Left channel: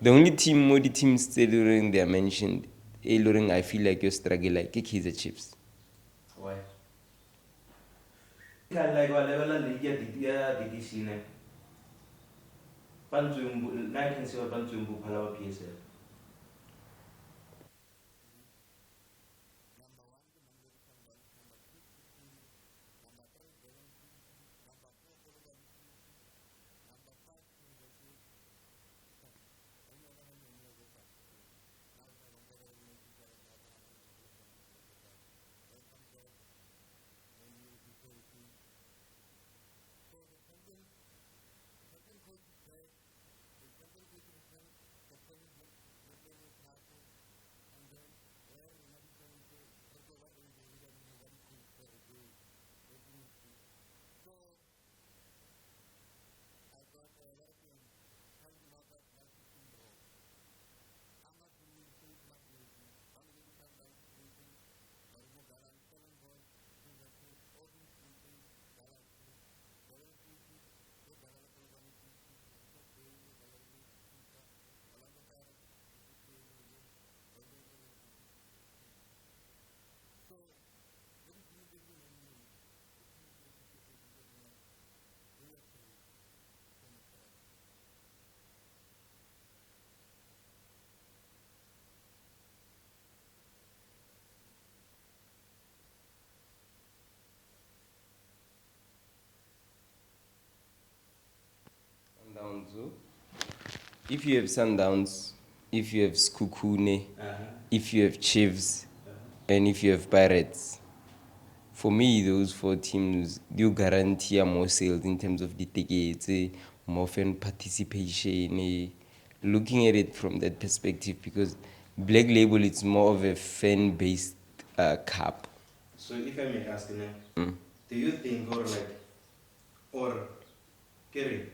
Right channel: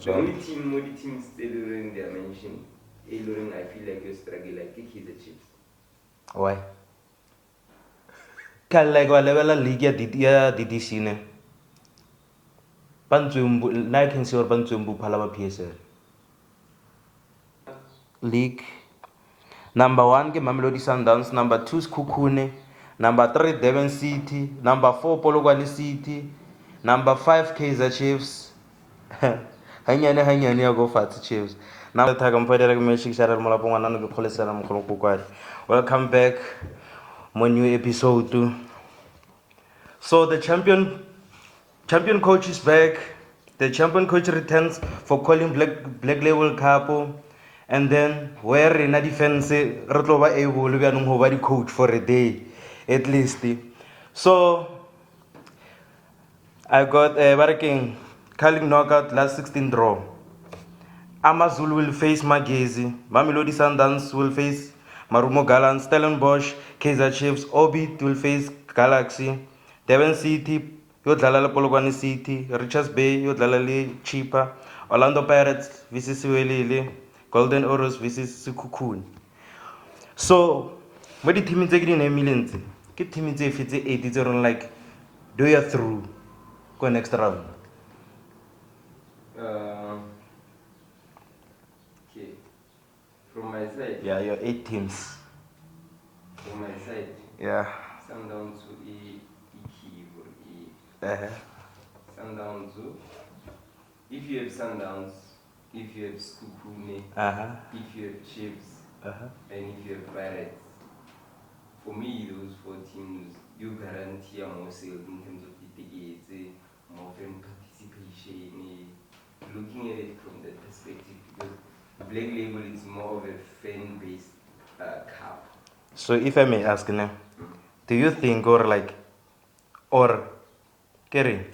The only team, more the teams still during they are mentioned, during I feel like you struggle like Kaizer Chiefs. Why? Can like what level league ya DDC ne? Bantsumbu, na can see or Bantsumbu Palama PSL. League. Number 1 ke Mamelodi Sundowns, number 2 is Kukune, number 3 Devon City, number 4 Polokwane City, number 5 Kaizer Chiefs. Hanyane ya go fat Chiefs. Now the tagam pwede like me shikshara mula po wanano ke khole sala mkholo kukwadi. Welcome back, my new episode. So the champion coach is back. The champion coach returns for calling Black Label Cup. And then where in a defense Rotloba able to be the coach for a day at least. So I got a working calling knockout last 16 draw. Amazulu will face Mbokazi, Mamelodi Sundowns will face Marumo Gallants, Stellenbosch, Kaizer Chiefs, Orbit will face Galaxy, Devon City, Yodlala Polokwane City, Richards Bay, Yodlala Cheaper, Orlando Pirates, vs Siwelile, Golden Oros vs Sekhukhune. So, what the team is taking in millions? Get team is if it's 80 like, do you through? Go next round. Okay. From my side. Yeah, your 8 teams. From my side. Yeah. Sundowns to E. Sundowns. If you have Sundowns, if you have Sekhukhune, if you have Chiefs, and if you have Pirates, for me, those 4 teams do guarantee more sales in terms of the tickets, more fan participation. Looking at it from that perspective, because Black Label is more of a fan-based cup. So, if I may ask, do you think, Kerry,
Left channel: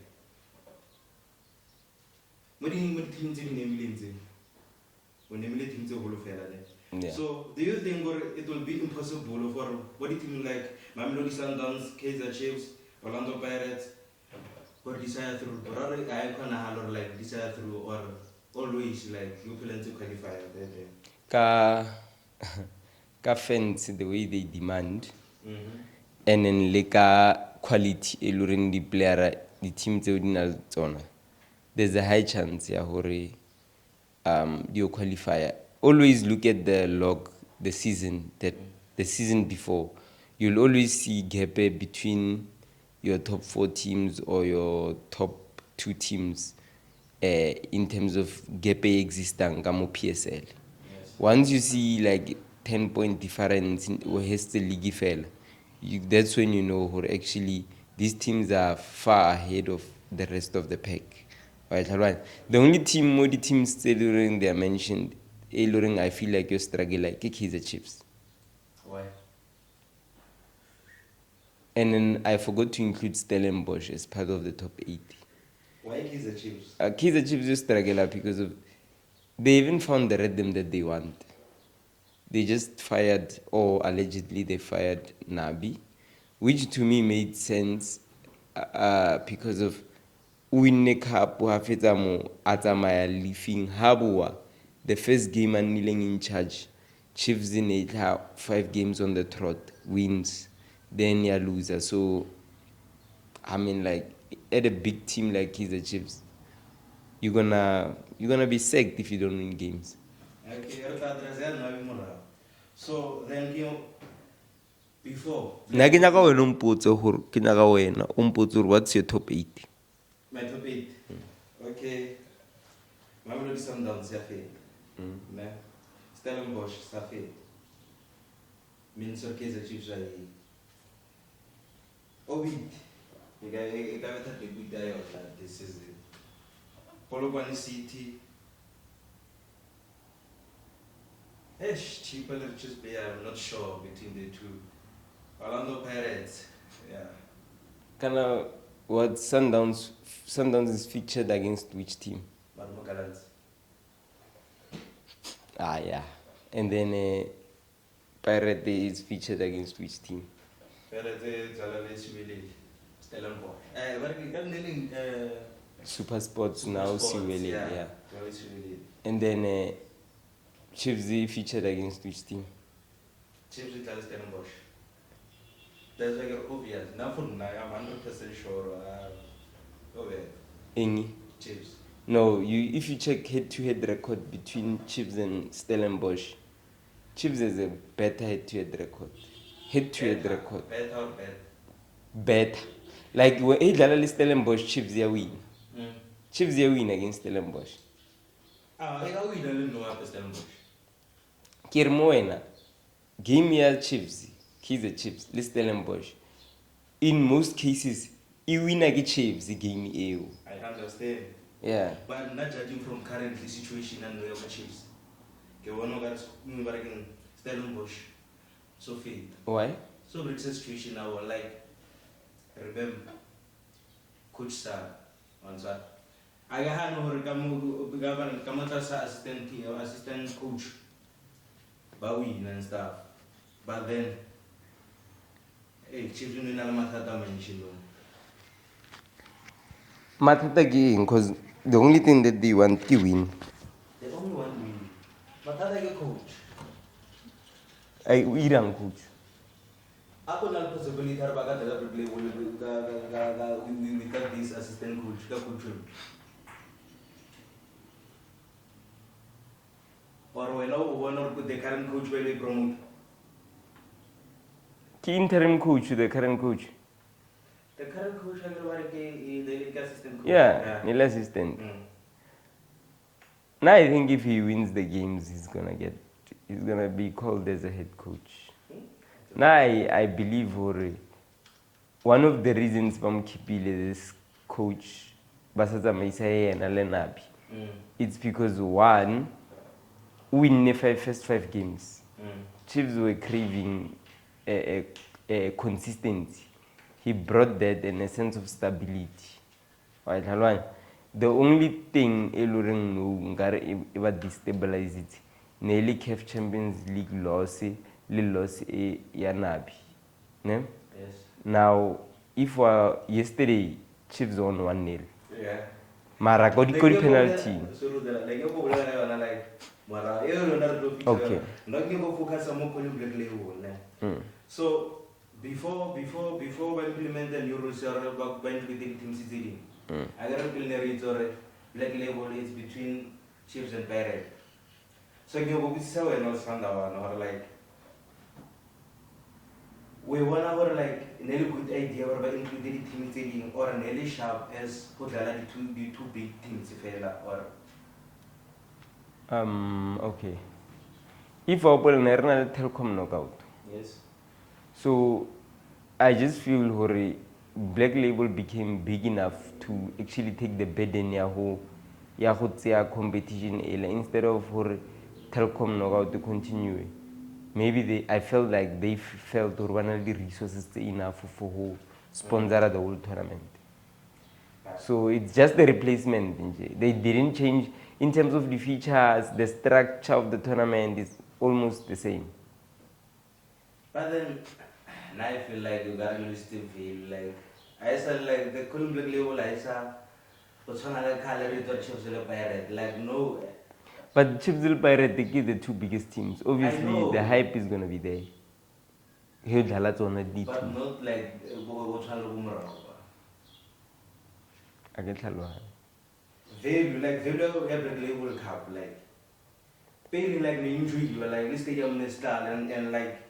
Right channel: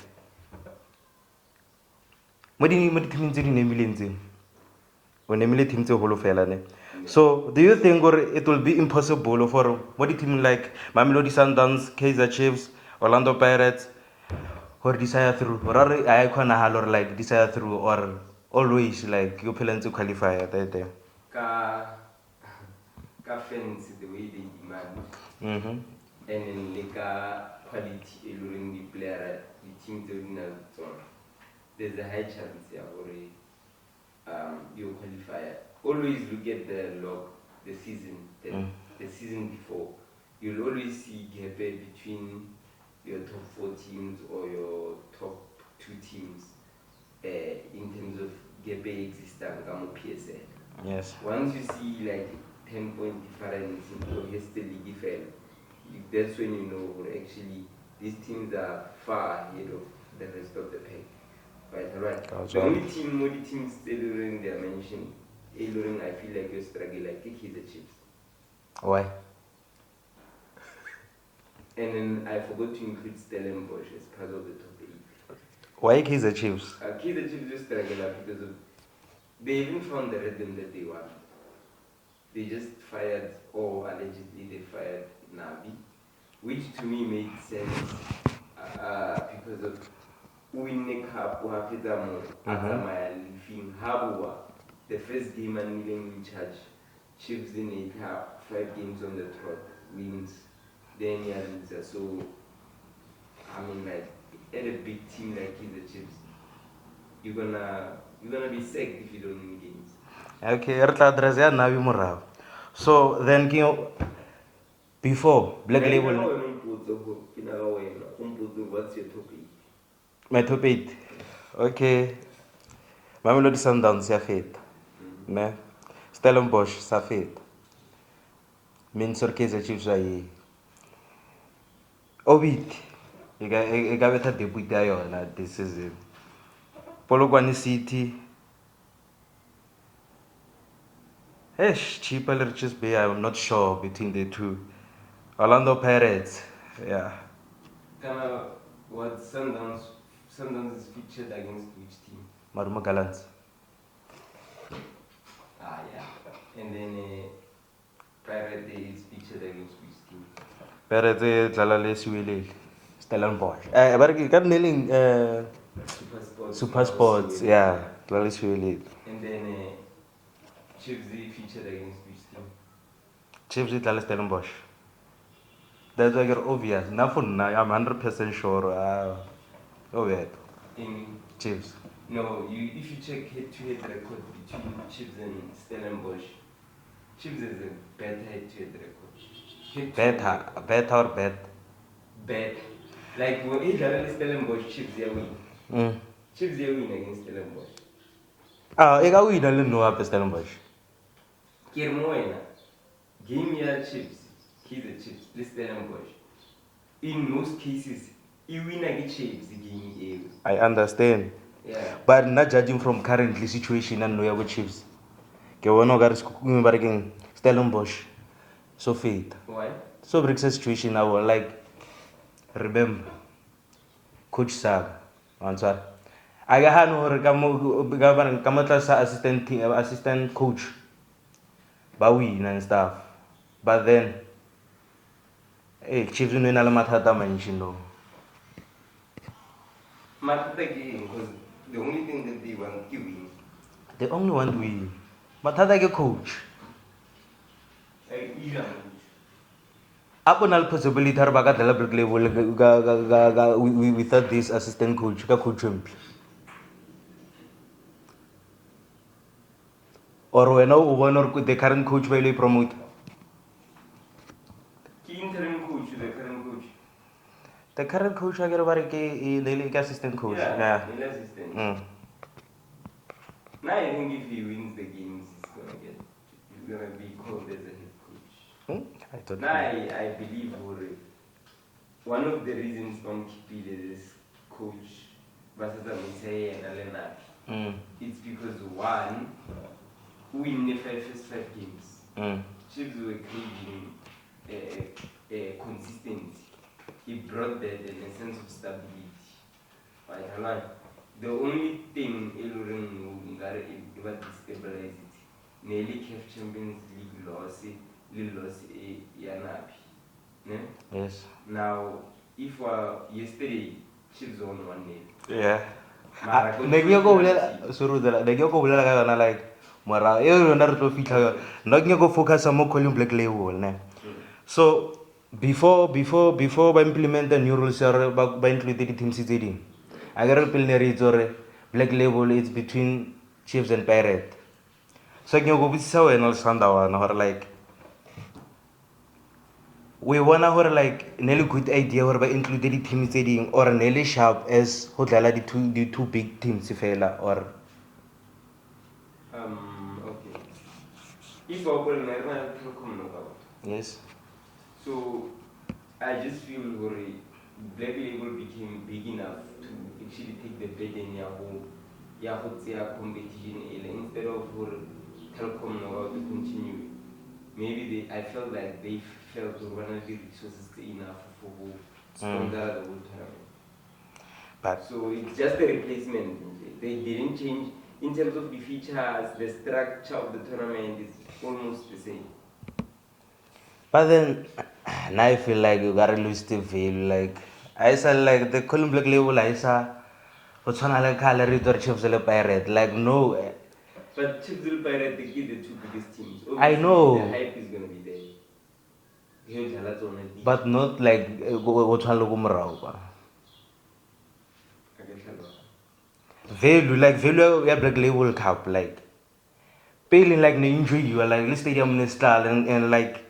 what do you think in when Emily teams a whole fella? So, do you think it will be impossible for what do you think like Mamelodi Sundowns, Kaizer Chiefs, Orlando Pirates, or desire through, or I can like desire through, or always like you plan to qualify at that time? Ka fans the way they demand, and then like quality eluring the player, the team there's a high chance you qualify. Always look at the log, the season the season before. You'll always see gap between your top 4 teams or your top 2 teams in terms of gap existing kamo PSL. Yes. Once you see like 10-point difference or has the league fell, that's when you know who actually these teams are far ahead of the rest of the pack. Right. The only team, more the teams still during they are mentioned, during I feel like you struggle like Kaizer Chiefs. Why? And then I forgot to include Stellenbosch as part of the top 8. Why Kaizer Chiefs? Kaizer Chiefs just struggle because of they even found the rhythm that they want. They just fired, or allegedly they fired Nabi, which to me made sense because of winning cup hafetamo atamaya leafing habua the first game and kneeling in charge. Chiefs in 5 games on the trot, wins, then you loser. So I mean, like at a big team like Kaizer Chiefs, you're gonna be sacked if you don't win games. Okay, Nabi. So then before Black what's your top 8? My top 8. Okay. Mamelodi Sundowns ya feta. Stellenbosch sa feta. Minnesota Kaizer Chiefs wa yi. Orbit. E ka betha debut ya yona this season. Polokwane City. Cheaper or just be, I'm not sure between the 2. Orlando Pirates. Yeah. What Sundowns is featured against which team? Marumo Gallants. Yeah. And then Pirate is featured against which team? Pirate Jalale Siwelile. Stellenbosch. Super Sports. Yeah. And then Chiefs featured against which team? Chiefs idlala Stellenbosch. That's like obvious. Now for now, I'm 100% sure. Obvious. Any? Chiefs. No, if you check head-to-head record between Chiefs and Stellenbosch, Chiefs has a better head-to-head record. Head-to-head record. Better or bad? Better. Like when he Stellenbosch, Chiefs they win. Chiefs they win against Stellenbosch. I got win. I don't know about Stellenbosch. Kirmoena, game here Chiefs, he's a Chiefs, Stellenbosch. In most cases, he win against Chiefs the game. I understand. Yeah. But not judging from currently situation and no Chiefs. Okay, we're not going Stellenbosch. So fit. Why? So brings a situation now like remember Coach Sag answer. I got no assistant coach. But win and stuff. But then hey, Chiefs no Nalamatata mention no. Matata again, because the only thing that they want to win. They only want to win. But how like a coach? I irang coach. Ako na possibility har baga dala break level without this assistant coach ka coach mp. Or when one or the current coach will promote. Ki interim coach, the current coach. The current coach I get the assistant coach. Yeah, the assistant. Now I think if he wins the games, he's gonna be called as a head coach. Now I believe one of the reasons from Kipile this coach Basaza Maisaye and Nabi. It's because one, win the first 5 games. Chiefs were craving a consistency. He brought that and a sense of stability. The only thing Eluring ever destabilize it, nearly CAF Champions League loss, loss Nabi. Yes. Now, if yesterday Chiefs won 1-0. Yeah. Mara got good penalty. So the go like Mara, not go focus on more calling black label. So before we implement the new rules by including team CTD, I got a pillar or black label is between Chiefs and Pirate. So you go with so and all Sandawan or like we wanna or like nearly good idea or by including team CTD or nearly sharp as hotel the two big teams fella or okay. If Opel Nerna Telcom knockout. yes. So I just feel Black Label became big enough to actually take the burden ya competition instead of Telcom knockout to continue. Maybe I felt like they felt one of the resources enough for who sponsor the whole tournament. But so it's just the replacement. They didn't change in terms of the features. The structure of the tournament is almost the same. But then now I feel like you gotta lose the value. Like I said, like the column black label, I saw what's on like calorie or chips pirate. Like no, but Chiefs will Pirate they give the 2 biggest teams. Obviously, I know the hype is gonna be there. But not like what's on Lugumrauba. I get Value like value we black label cup like paying like the injury you are like the stadium style and like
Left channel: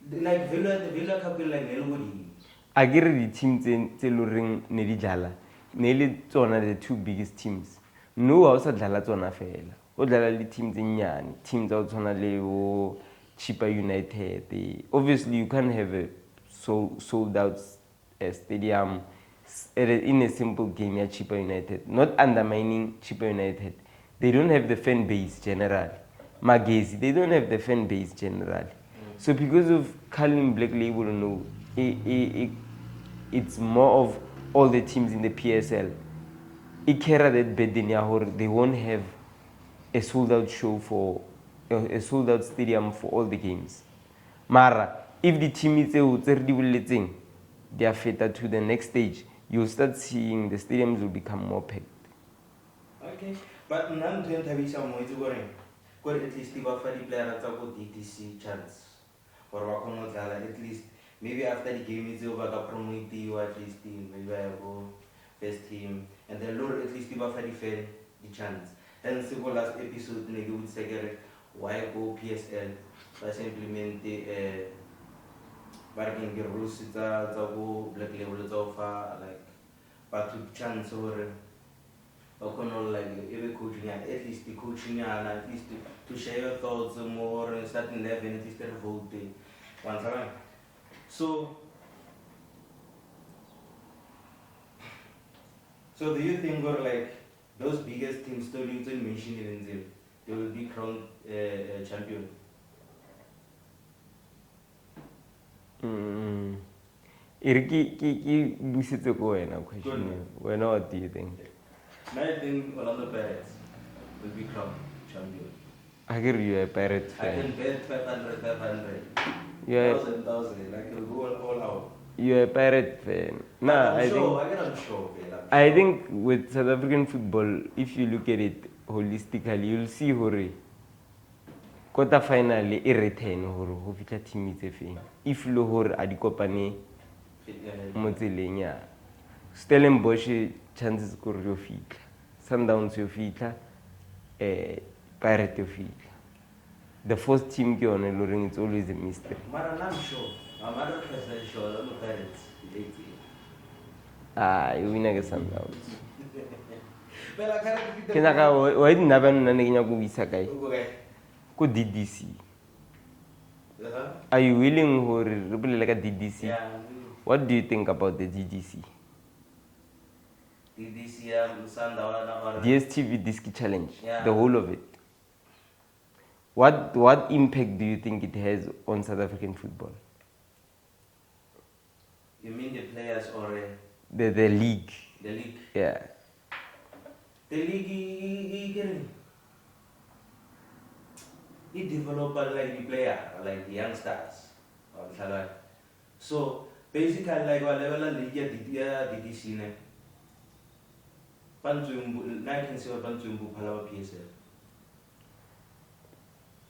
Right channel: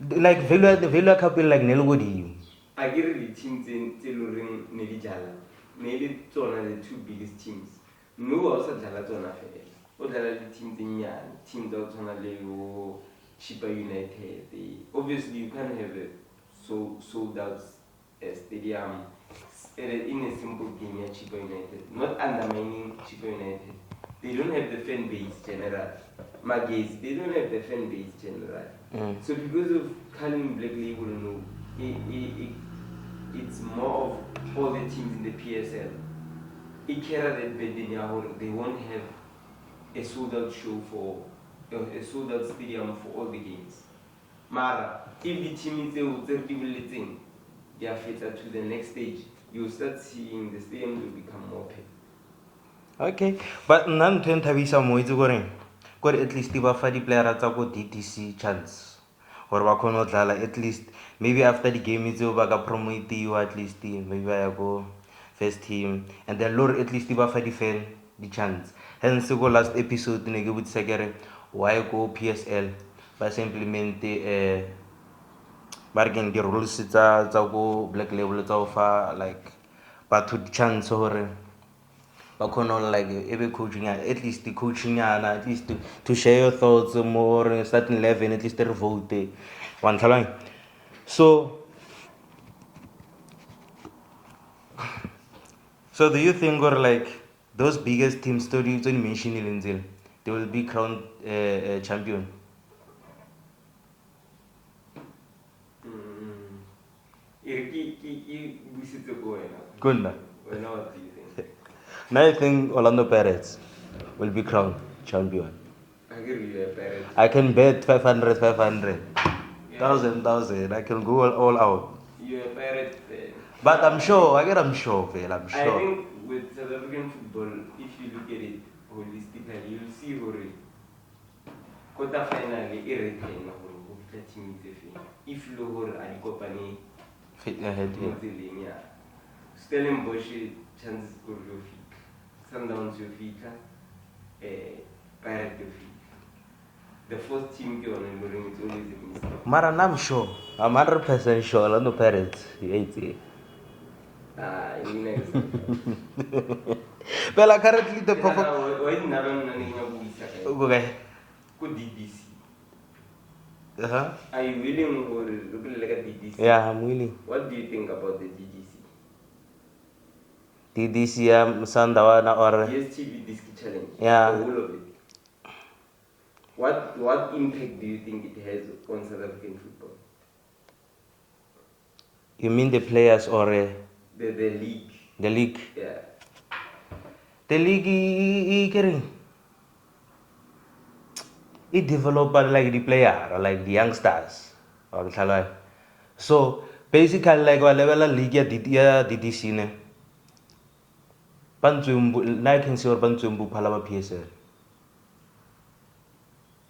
value cup like Nelwodi. I get the teams in Teluring Nedijala. Nearly the 2 biggest teams. No also Dalatona fail. Or the teams in Yan, teams out on a Leo, Cheaper United. Obviously you can't have a sold out stadium in a simple game at Cheaper United. Not undermining Cheaper United. They don't have the fan base general. Magazi, they don't have the fan base general. So because of calling Black Label, no, it's more of all the teams in the PSL. They won't have a sold out show for a sold out stadium for all the games. Mara, if the team is they are fed to the next stage, you'll start seeing the stadiums will become more packed. Okay, but nna ntho e nthabisa mo itse kore at least ba fa di-playera tsa ko DDC chance gore ba kgone go dlala at least maybe after di-game tseo ba ka promotiwa at least maybe ba ya ko first team and then lore at least ba fa di-fan di-chance hence ko last episode ne ke botsisa kere why ko PSL ba sa implemente ba re keng di-rules tsa ko black label tsa go fa like batho di-chance gore ba kgone like ebe coaching at least the coaching at least to share your thoughts more starting 11 at least re vote one tlhaloganya so do you think or like those biggest teams story to mention in they will be crowned champion Ki busitse ko wena Good na. wena, what do you think? now I think Orlando Pirates will be crowned champion I hear you a pirate. I can bet 500 Yeah. 1,000 I can go all out You're a pirate fan. but Yeah, I'm sure I'm sure I'm sure I think with South African football, if you look at it holistically, you'll see hore quarter final e return hore ho fitla team tse feng. If lo hore a di kopane mo tseleng ya. Stellenbosch chances gore yo fitla. Sundowns yo fitla. Pirate yo fitla. The first team ke yone lo reng it's always a mistake. Mara, I'm sure. I'm 100% sure. Orlando Pirates. You hate it. You win against Sundowns. Well, currently the Why didn't have an Nanaga Okay. Go DDC. Uh-huh. Are you willing for really like a DDC? Yeah, I'm willing. What do you think about the DDC? DDC, Sandawana or DSTV Disc Challenge. Yeah. The whole of it. What impact do you think it has on South African football? You mean the players or The league. the league? Yeah. The league, it develop like the player, like the youngsters. So basically, like whatever league ya DDC ne. Bantsumbu, na I can say or Bantsumbu Palama PSL.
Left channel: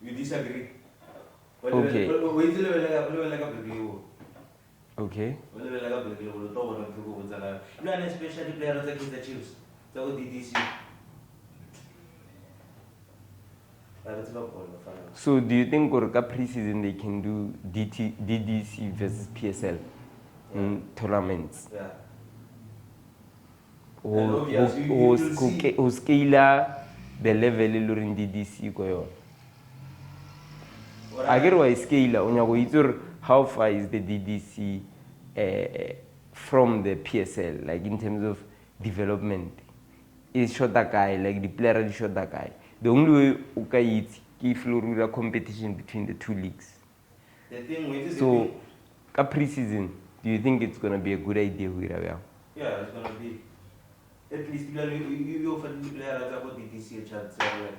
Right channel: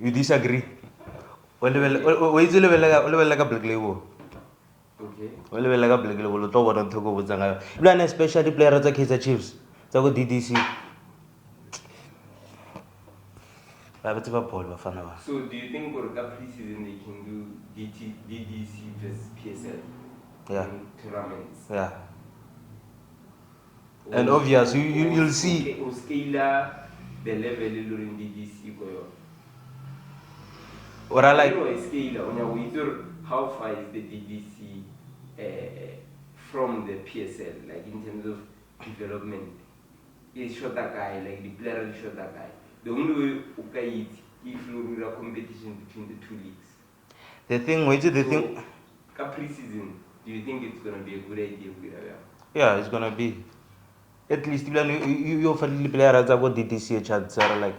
You disagree? Wait till like a black label. Okay. Well, like a black label, to what I'm talking about. You know, especially players like Kaizer Chiefs. So go DDC. So do you think Orca pre-season they can do DDC versus PSL in tournaments? Yeah. And obviously you'll see who scale the level in DDC go. Or I like why scale on how far is the DDC from the PSL, like in terms of development? Is shot that guy, like the player is shot that guy. The only way you can if you competition between the two leagues. the thing which is the thing. Pre-season, do you think it's gonna be a good idea? Yeah, it's gonna be. At least you offer the players about DDC chats are like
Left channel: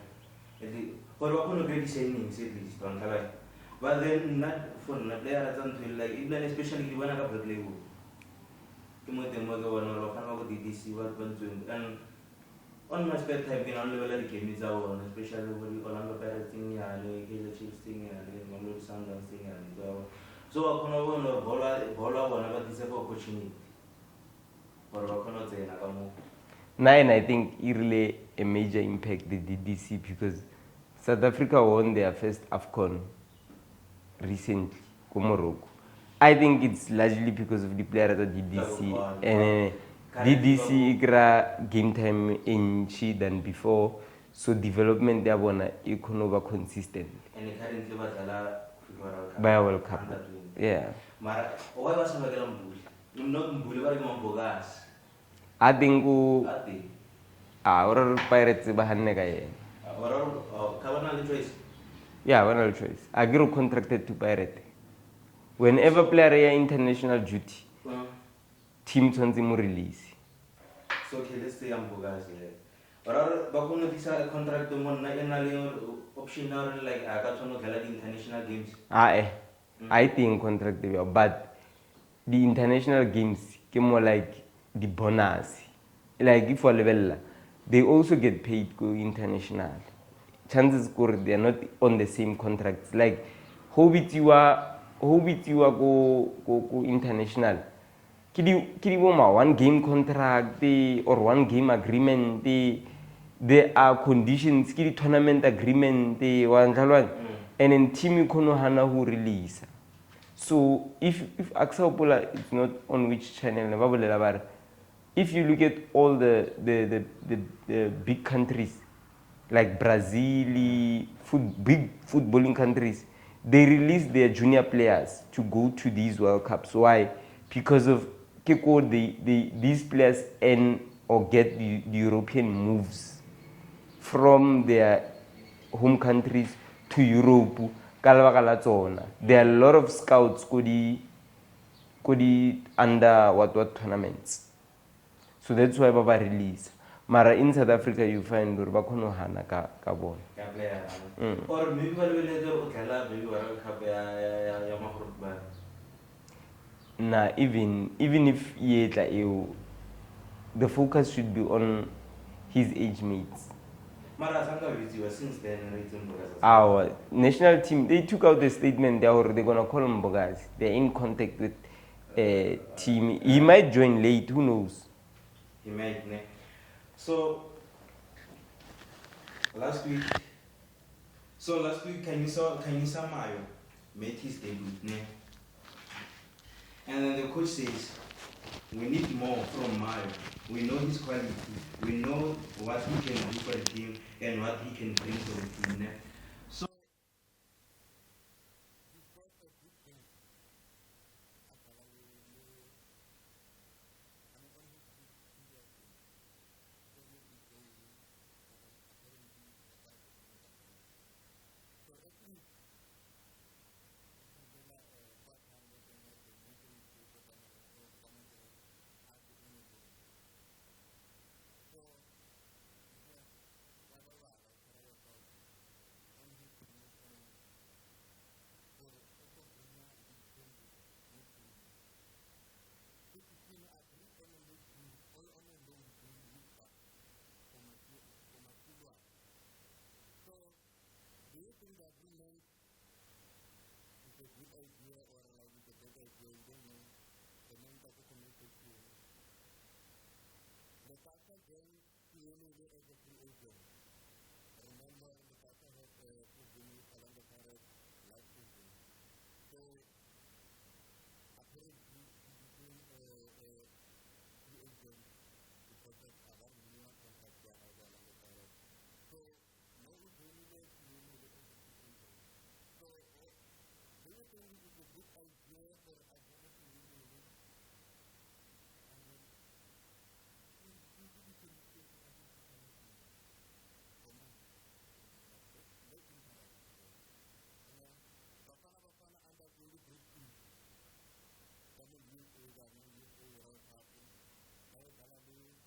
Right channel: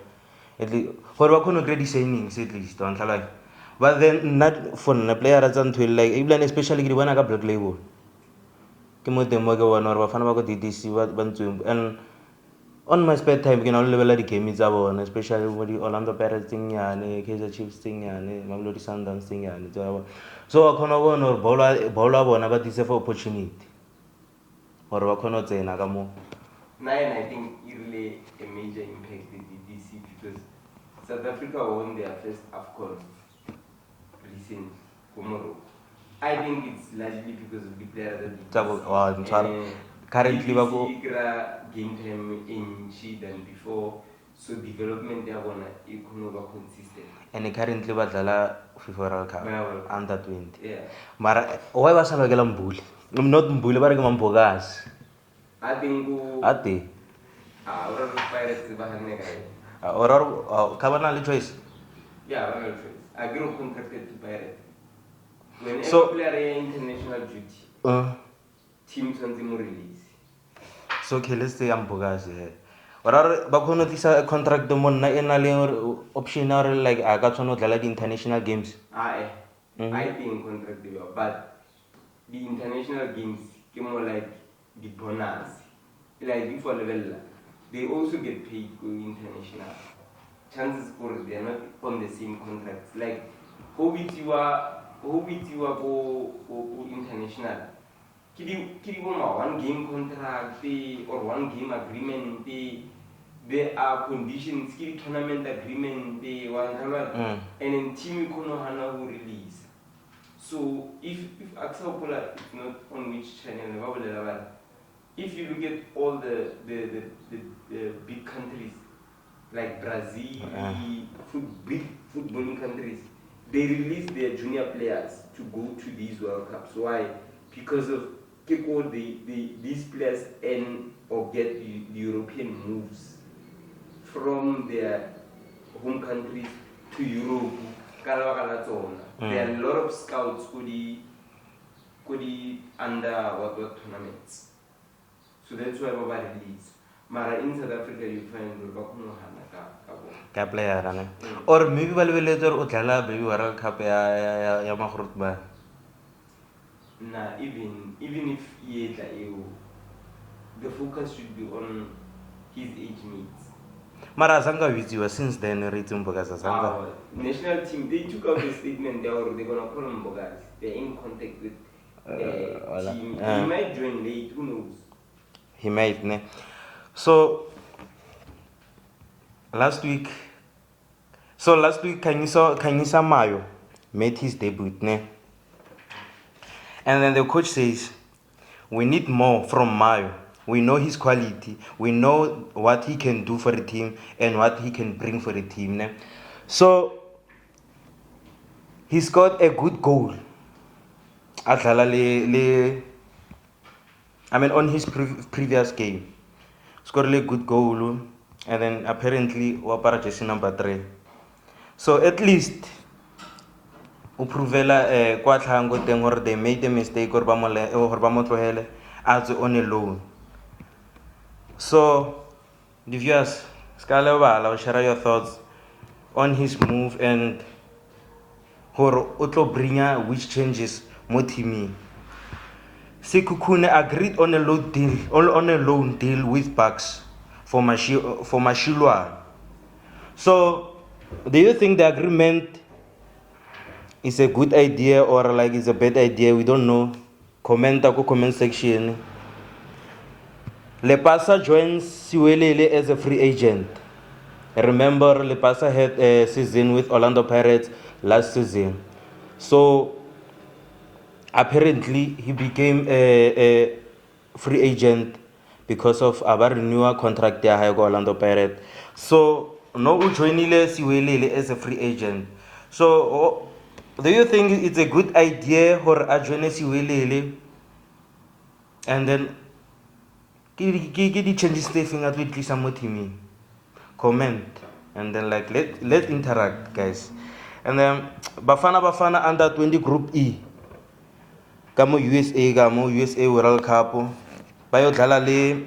at least for what kind of grade signings at least don't like. But then not for the players until like even especially the one I got black label. Kimo demo go one or Bafana go DDC what bantu and on my spare time can only level the game is about especially with the Orlando Pirates thing and Kaizer Chiefs thing and Mamelodi Sundowns thing and so I can't one or bowler one about this for opportunity or I cannot say Nagamo. Nine, I think it really a major impact the DDC because South Africa won their first Afcon recently, Morocco. I think it's largely because of the players at DDC. And DDC game time in she than before, so development they want over consistent. And currently badlala FIFA World Cup. World Cup. Under 20. Yeah. Mara why was I Mbuli? I'm not Mbuli, but I'm Mbokazi. I think Ati. Or Pirates bahanne kaya. Or Kabana choice. Yeah, one choice. I grew contracted to Pirate. Whenever player international duty, team something release. So okay, let's say Mbokazi. Or bakono this contract the mon na enale optional like I got no the international games. I think contract but the international games came more like the bonus. Like if for level they also get paid go international. Chances are they are not on the same contracts. Like, how you are go international. Kidi one game contract or one game agreement. There are conditions. Kidi tournament agreement. And then team hana who release. So if Aksaopola is not on which channel, if you look at all the big countries like Brazil, big footballing countries, they release their junior players to go to these World Cups. Why? Because of these players earn or get the European moves from their home countries to Europe. There are a lot of scouts go the under what tournaments. So that's why Baba release. Mara in South Africa you find Durbakono Hana ka player or maybe later uthala baby World Cup ya magrotba. Nah, even if the focus should be on his age mates. Mara Sanga Viziwa since then Mbokazi. Our national team, they took out the statement they're gonna call him Mbokazi. They're in contact with team. He might join late, who knows? He might, ne? So last week Kanyisa Mayo made his debut, ne? And then the coach says, we need more from Mayo. We know his quality. We know what he can do for the team and what he can bring for the team. Ne? So he scored a good goal. On his previous game, scored a good goal, and then apparently wapara jersey number 3. So at least uprovela kwa tlhango teng gore they made a mistake or ba mo tlohele as on a loan. So the viewers, share your thoughts on his move and hore otlo bringa which changes mo teaming. Sekhukhune agreed on a loan deal with Bucks for Mashilwa. So do you think the agreement is a good idea or like it's a bad idea? We don't know. Comment section. Lepasa joins Siwelele as a free agent. Remember, Lepasa had a season with Orlando Pirates last season. So apparently he became a free agent because of our renewal contract there with Orlando Pirates. So no joinile Siwelele as a free agent. So do you think it's a good idea for a join Siwelele and then the changes thing at least some team? Comment and then like let interact, guys. And then Bafana under 20 Group E. Kamo USA World Cup. Bayo dlala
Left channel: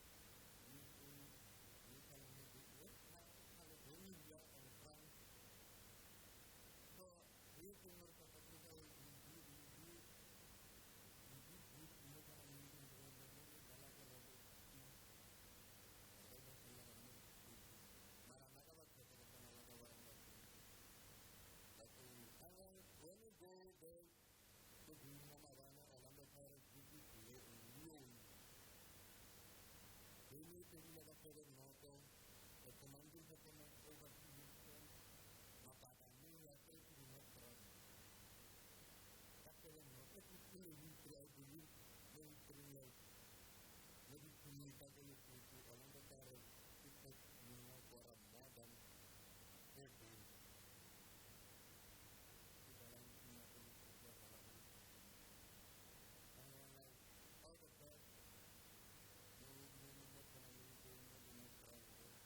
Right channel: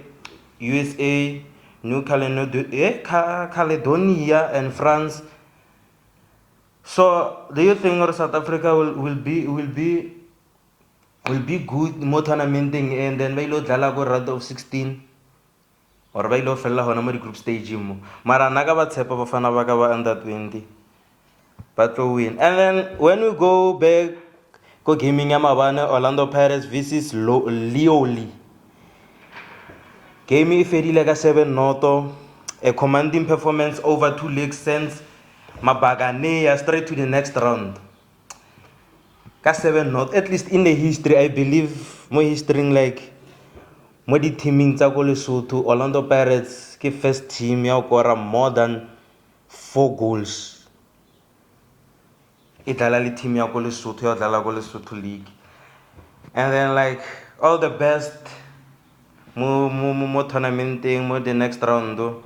USA, New Caledonia and France. So do you think South Africa will be good more tournamenting and then bailo dlala go round of 16 or bailo fella hona mo group stage mo. Mara naga ba tshepa Bafana ba ka ba under 20. But to win. And then when we go back go gaming ya mabane Orlando Pirates versus Lioli. Game ifedile ka 7-0. A commanding performance over 2 legs sends Mabagane straight to the next round. Ka 7-0. At least in the history, I believe more history like more the teaming tsa go Lesotho, Orlando Pirates ke first team ya go more than 4 goals. Itala le team ya go Lesotho ya dlala go Lesotho League. And then like all the best more tournamenting more the next round though.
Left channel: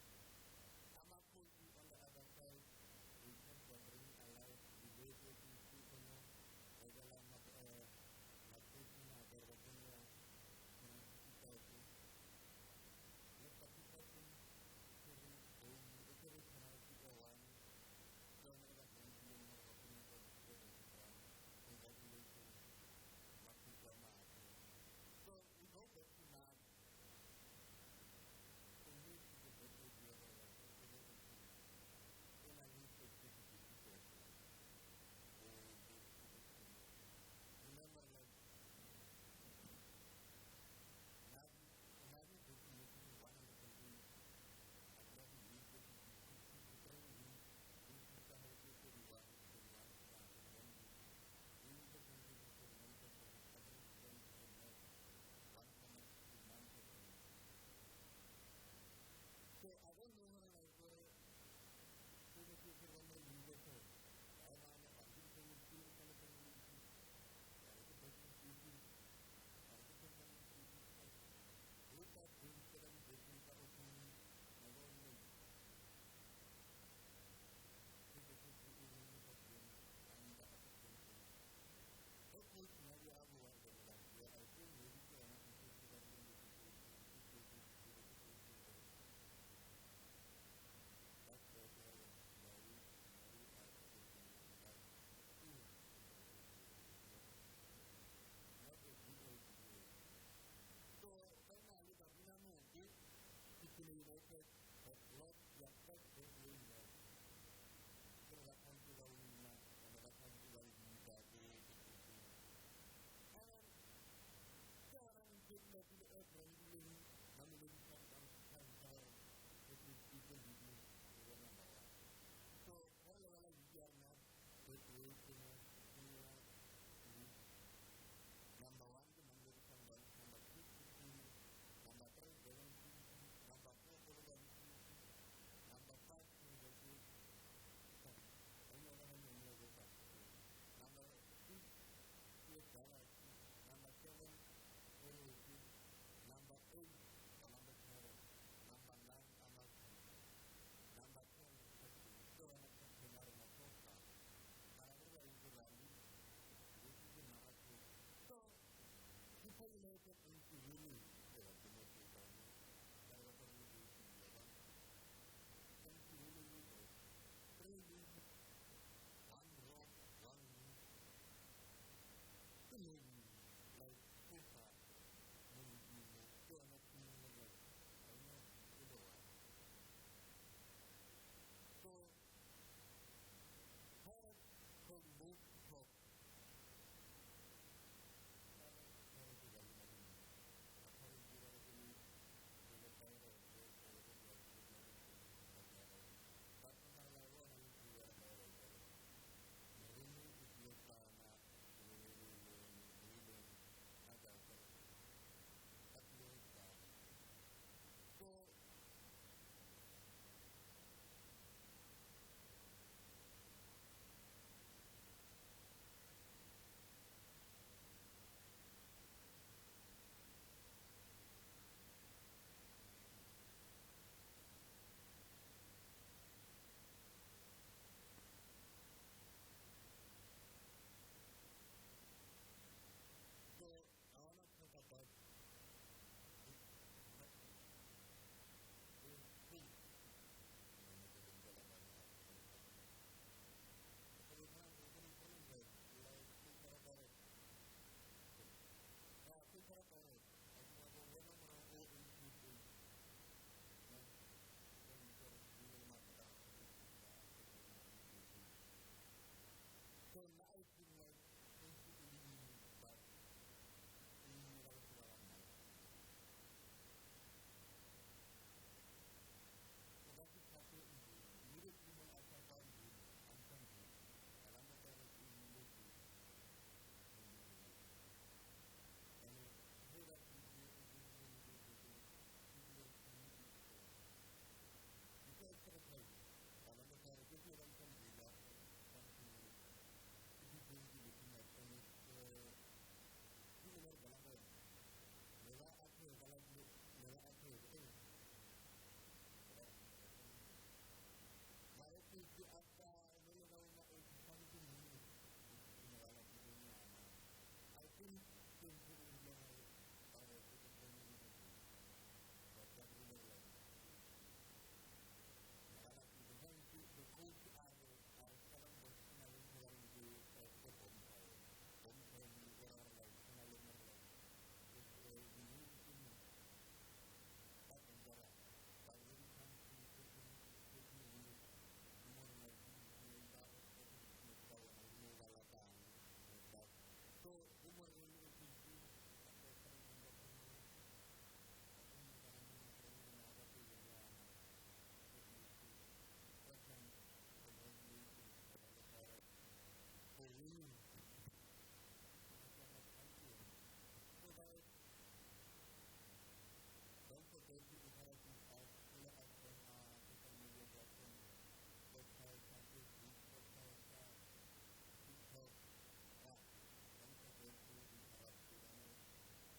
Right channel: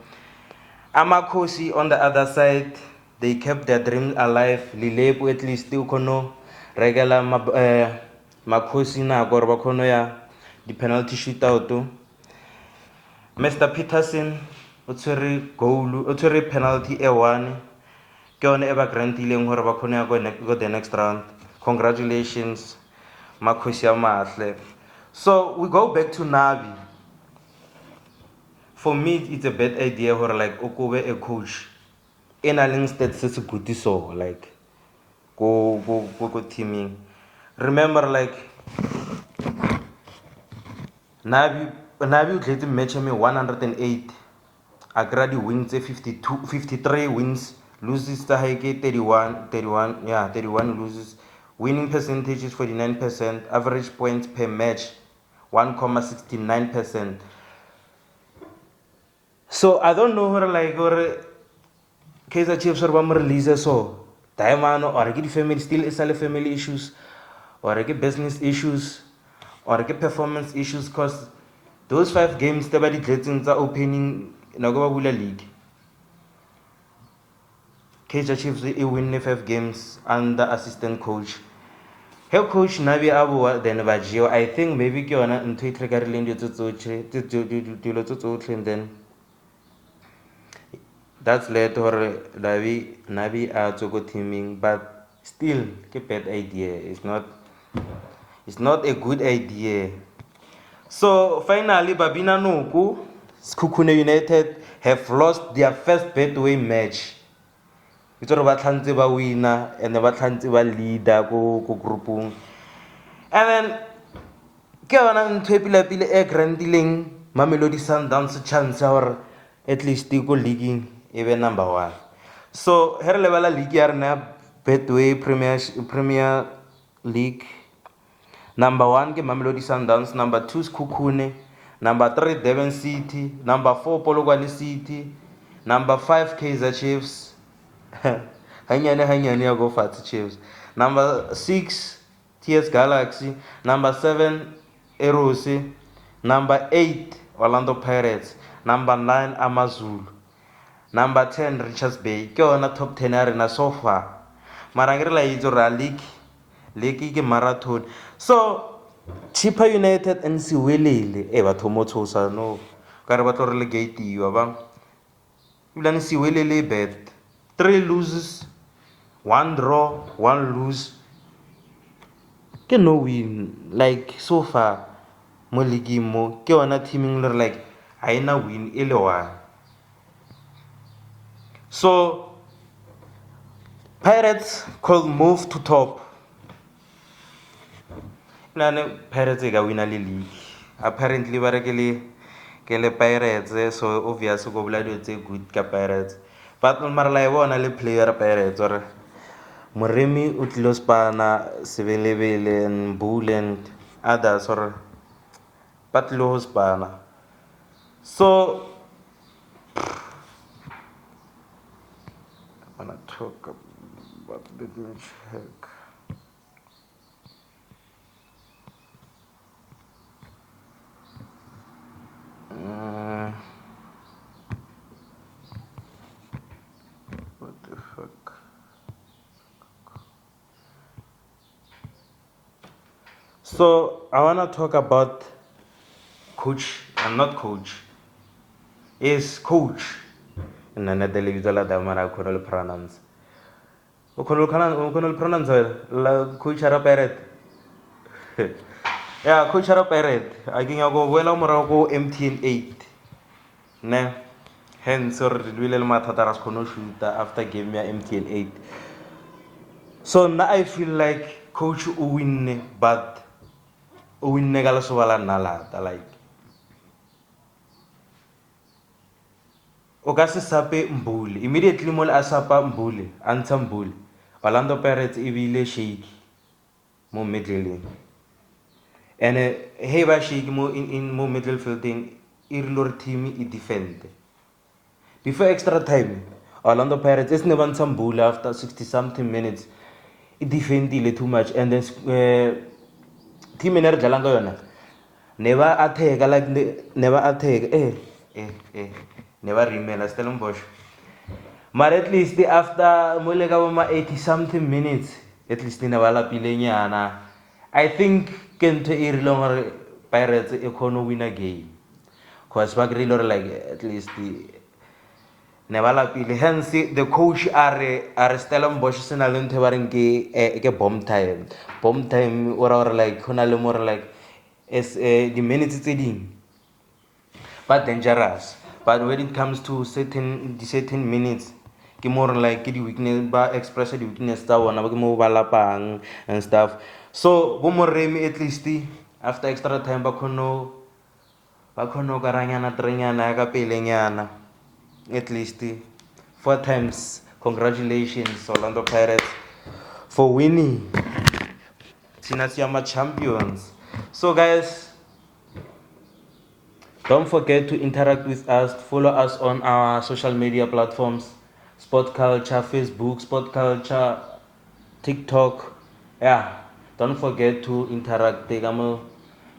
Amakhosi on the other side, they kept their dream alive. Lilepo at least still kono regular Makhosi na gore ba kono ya the penalty shootout. Mr. Peterson o tshwere goal o tshwere penalty e 1 ke yone e ba grantileng gore ba kono ya go the next round. Congratulations Makhosi ya mahle. So we go back to Nabi. for me it's a bad idea or like okobe a coach in a link that says good so like go teaming. Remember like Nabi o tletse match me 108 a gradi wins 53 wins, loses the high 31 loses, winning percentage is 49%, average points per match 1,69%. So I don't know or Kaiser Chiefs or one release so diamond or get family still is family issues or get business issues or get performance issues because those 5 games the body are opening Nagawabula League. Kaiser Chiefs win 5 games under assistant coach. Head coach Nabi Abu then Vajio. I think maybe Kiona and Twitter and then that's led to Nabi to go teaming, but still a bad idea. It's not a good idea. So finally Babina Nuku, Skukune United have lost their first Betway match. It's all about Tanziba winner and the Tanziba leader go groupung. And then Kawana Twepila a grand dealing Mamelodi Sundowns chance or at least go leaguing even number 1. So her level league are Betway Premier League. Number 1 ke Mamelodi Sundowns, number 2 is Kukune, number 3 Devon City, number 4 Polokwane City, number 5 Kaizer Chiefs. Hanyane go Fat Chiefs. Number 6 TS Galaxy, number 7 Erosi, number 8 Orlando Pirates, number 9 Amazulu, number 10 Richards Bay. Ke ona top 10 arena so far. Marangere la itso ra league ke marathon. So Chippa United and Siwelele batho mo tshosa no ka re ba tlo relegate yo ba ilane Siwelele bad 3 loses 1 draw 1 lose ke no win like so far mo league mo ke ona teaming like haina win ile one. So Pirates could move to top. Pirates ga win a league. Apparently ba rekele ke Pirates so obviously go bula dilo tse good ka Pirates. But mara la bona le player Pirates or Moremi o tlilo spana Sebelebele and Bull and others or but lo spana. So I wanna talk about the check. What the fuck? So I wanna talk about coach and not coach. Is coach. And then the television la damara could pronounce. Could pronounce la coach ara parrot. Yeah, coach ara parrot. I think I go well go MTN 8. Ne. Hence or will matataras kono shoot after game me MTN 8. So now I feel like coach win but win negala so wala nala like Okasi sape Mbuli. Immediately mol asapa Mbuli, anta Mbuli. Orlando Pirates ibile shake mo middle lane. And hey ba shake mo in mo middle fielding irlor team I defend. Before extra time, Orlando Pirates is never some Mbuli after 60 something minutes. It defended too much and then team in Jalanga yona. Never attack like never attack. Never remain Stellenbosch. But at least after Mulegawama 80 something minutes, at least in Avala Pilenyana, I think Kent longer Pirates econo win a game. Cause Bagrilor like at least the Nevala Pile. Hence the coach are Stellenbosch and Aluntevarinke a bomb time. Bomb time or like Honalumor like as the minutes it's but dangerous. but when it comes to certain minutes, ke more like ke di weakness ba express di weakness tsa bona ba ke mo ba lapang and stuff. So bo moremi at least after extra time ba khono karanyana trenyana ka pelenyana at least 4 times. Congratulations Orlando Pirates for winning. Thina siyama champions. So guys, don't forget to interact with us. Follow us on our social media platforms: Sport Culture, Facebook, Sport Culture, TikTok. Yeah, don't forget to interact. Take a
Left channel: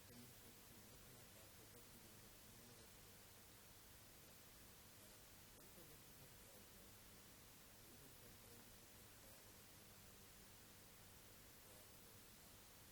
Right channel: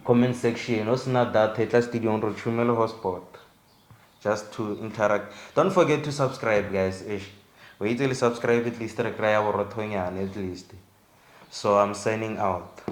comment section. Also, not that Tetla Studio on Rochumelo Hotspot. Just to interact. Don't forget to subscribe, guys. Wait till you subscribe at least at least. So I'm signing out.